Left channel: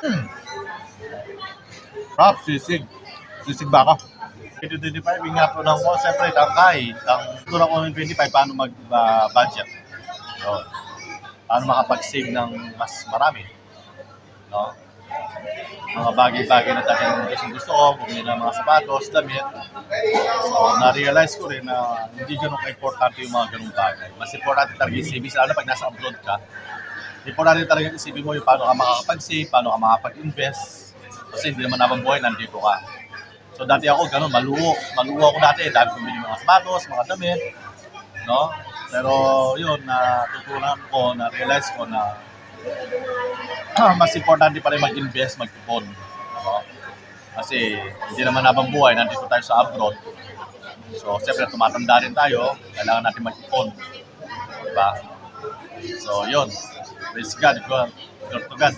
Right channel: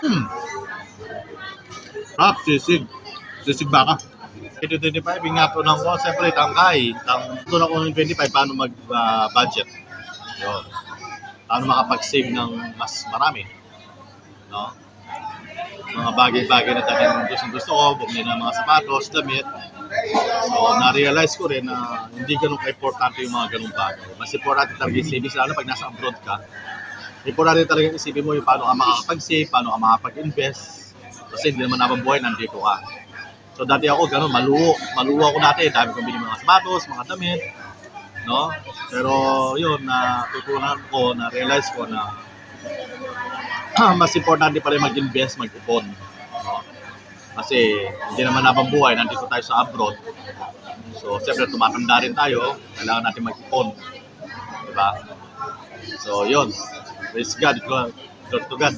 Hmm. Rap, sisig. Sisig baka. 2025, ingat ko, siyempre, tangkay. Doon ako ng 25, paano mag-budget. Yun. Paano makapag-save ng mas marami. No? Mga bagay-bagay na dating gusto ko, bumili ng mga sapatos, damit. So, na-realize ko rin na hindi ganun ka-importante yung mga ganung bagay. Mas importante talaga yung savings, lalo pag nasa abroad ka. Importante talaga isipin mo yung paano ka makakapag-save, paano ka makakapag-invest. Kasi hindi naman habang buhay, nandito ka. So, dati ako ganun, maluho. Maluho ako dati. Dami kong bili mga sapatos, mga damit. No? Pero yun, natutunan ko, na-realize ko na mas importante pala yung mag-invest, mag-ipon. No? Kasi hindi naman habang buhay, nandito tayo sa abroad. So, siyempre, tumatanda rin tayo, kailangan natin mag-ipon. Diba? So, yun. Praise God. Glory to God.